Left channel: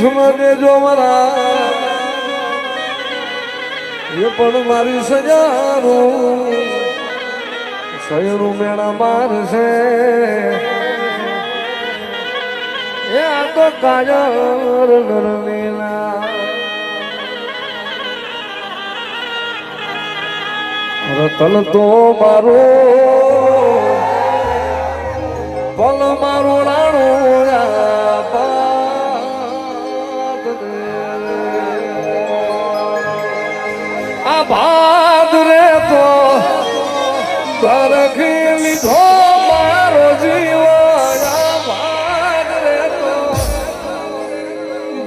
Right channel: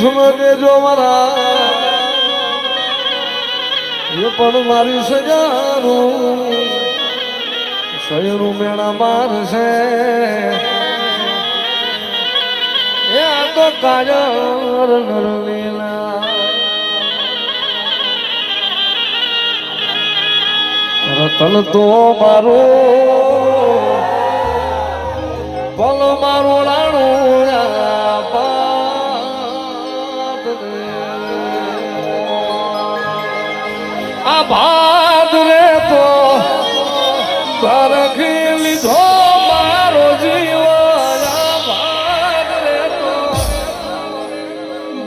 મીઠું દેજો મારા એ પણ મારી સજારું સયનું મેળા માર છે એ આ તો કાજર નરલીલા રતન તો મારો પલ મારો રાણું આ ભાદ રે તો ભરખી લીધો મારો જીવન ભાદ રે તો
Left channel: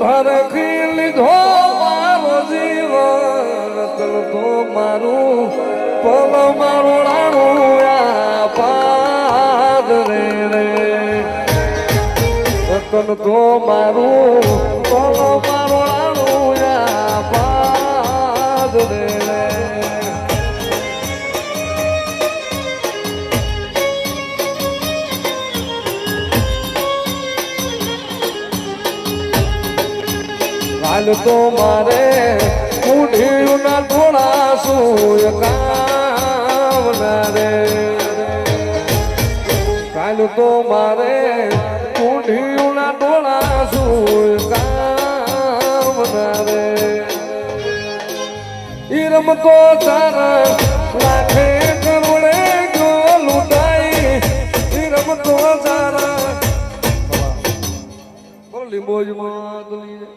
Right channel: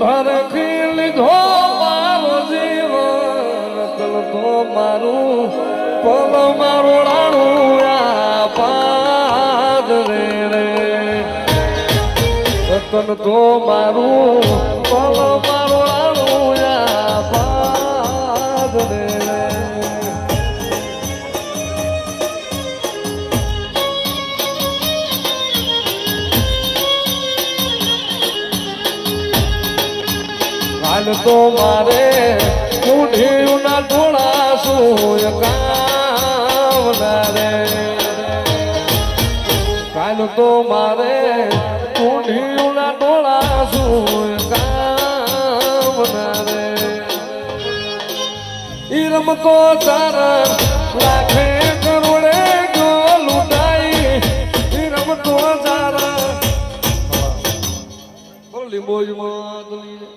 ભરખી લીધો મારો જીવન રતન તો મારું પલ મારો રાણું ભાદ રે રતન તો મારું પલ મારો રાણું ભાદ રે તો મારે ઉઠ્યું ના થોડા સૂય કાવના રે કાલ તો મારે ઉઠ્યું ના થોડા સૂય કાવના રે ઈ રમતો ચાર લાખે કરોડે ગોલુટાઈ ઈ રમતો ચાર બોલી બોજ માં